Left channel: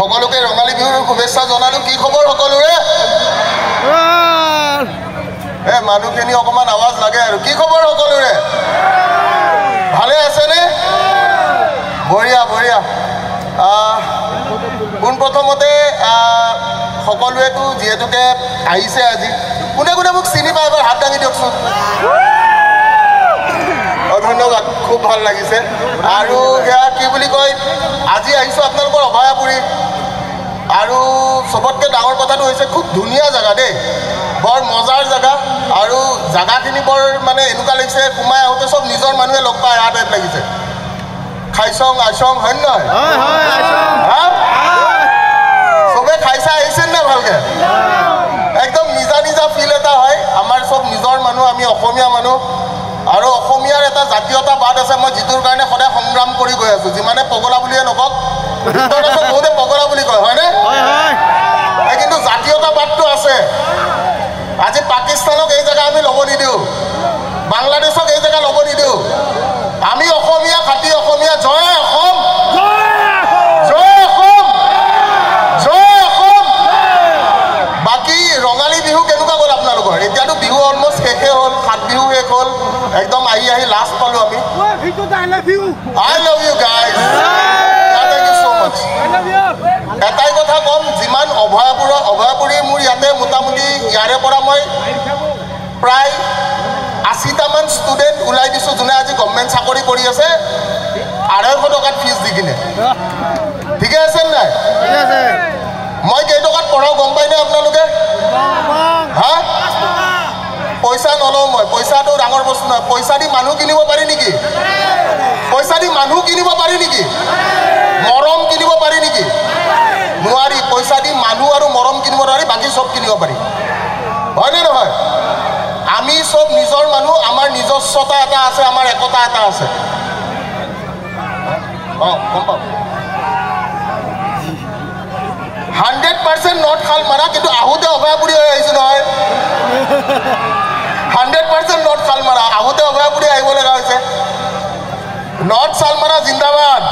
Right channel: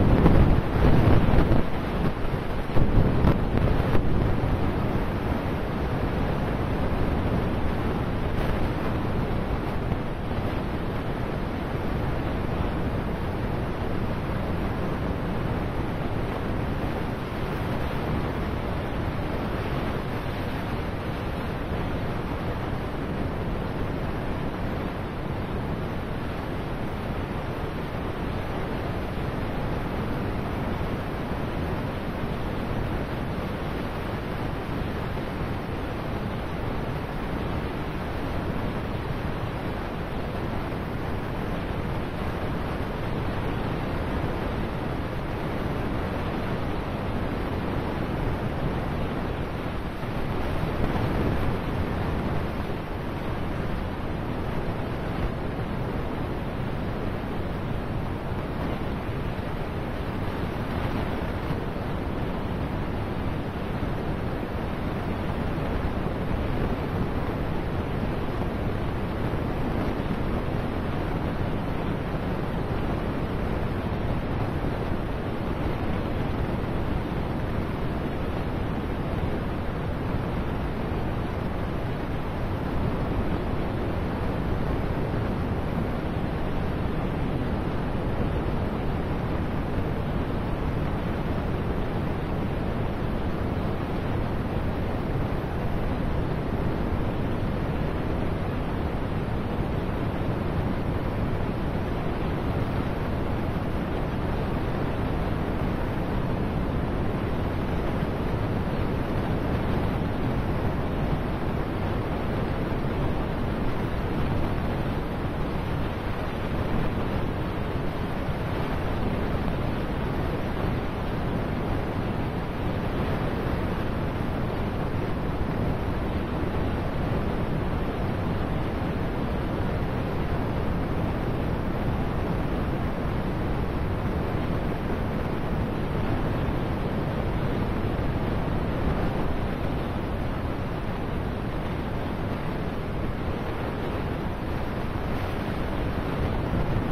সকলোকে ৰঙালী বিহুৰ শুভেচ্ছা জনালোঁ। কি খবৰ সকলোৰে? মানুহখিনি অকণমান আৱাজ লাগে আৰু। কি খবৰ সকলোৰে? ভালে আছেনে? বঢ়িয়া বঢ়িয়া। পোনপ্ৰথমতে সকলোৱেতো যিহেতুকে আহিছে আজি, কোনে কোনে মোক চিনি পায় এবাৰ হাত দাঙি দিয়কচোন। ধন্যবাদ, খুব ভাল লাগিছে। আৰু সেয়া কি বুলি কয়, আজি আহিছোঁ আপোনালোকৰ অভয়াপুৰী। আৰু চবতকৈ ডাঙৰ কথাটো হৈছে খুব ধুনীয়া জেগা দেই, বৰ মজাৰ জেগা। আৰু জেগাখিনি বৰ মানে এনেকুৱা লাগিছে, সোমাই আহোঁতে চব নিজৰ মানুহে লগ পাই অহা টাইপ লাগিছে। খাইছং আইছং হয় নহয়? চবে খাইছা আহিছে নে ভালকে? একদম নিজা নিজা ফিল এটা হয়। আমাৰ চব নিজৰ মানুহ, আমি অসমীয়া মানুহ। আৰু অসমীয়াৰ এটা জাতীয়তাবাদ আছে, মই যিটোৰ কাৰণে সদায় সংগ্ৰাম কৰি গৈ আছোঁ। যিমানে পগলা বুলিয়ে নকওক, বহুতে পগলা বুলি কয়, হয়নে? কিন্তু জাতীয়তাবাদটো আছে। আজি পাকিস্তানক এই জেগা আমি ল'ব নিদিওঁ, বাংলাদেশক এই জেগা ল'ব নিদিওঁ। আমি অসমীয়া, খাটি অসমীয়া। জয় অসম, জয় অসম, জয় অসম। বাকী ৰঙালী বিহু কেনেকুৱা গ'ল আপোনালোকৰ? এতিয়াতো বিহু অলমষ্ট শেষে হ'ল, 7 বিহু শেষ হ'ল। একদম আহি লাষ্ট পালোঁ আমি। I love you guys. Thank you so much. এটাই কথা ক'ম, যিমান অভয়াপুৰী মোৰ ইয়াতে মোটামুটি ইয়াৰে পৰা মই প্ৰায় 80টামান ষ্টুডেণ্ট ওলাই দিছোঁ, যোনে আজি গভৰ্ণমেণ্ট চাকৰি কৰি আছে 250 টকাত ফিজ দি কিনে। ঠিকে আছে নাই? মই কেইটকাত পঢ়াওঁ গম পাইনে আপোনালোকে? হা? পইচা নলওঁ মই, পইচাটো ডাঙৰ বস্তু নহয়। পইচা দি মানুহ কিনিব পাৰি নেকি? পইচা দি মানুহ কিনিব পাৰি নেকি? মৰম কিনিব পাৰি নেকি? নোৱাৰি। পইচা দি মানুহ আৰু মৰম কিনিব নোৱাৰি, বাকী চব কিনিব পাৰি, হয়নে নহয়? আমি চব নিজৰ মানুহ, আমাৰ নিজস্বতা এটা আছে, আমাৰ একতা এটা আছে। গম পাওঁ 100% নৰ্থ শালমাৰা, কিন্তু আহোঁতে অভয়াপুৰী হৈ আহিছোঁ নহয়। 100% নৰ্থ শালমাৰা, আহোঁতে অভয়াপুৰী আহিব লগা হৈছে। নৰ্থ শালমাৰা জিন্দাবাদ।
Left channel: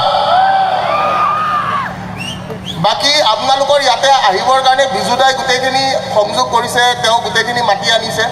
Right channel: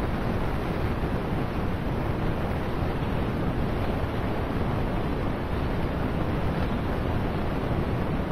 বাকী আপোনালোকৰ ইয়াতে আহিবৰ কাৰণে বিজুদাই গোটেইখিনি সংযোগ কৰিছে, তেওঁ গোটেইখিনি মাতি আনিছে।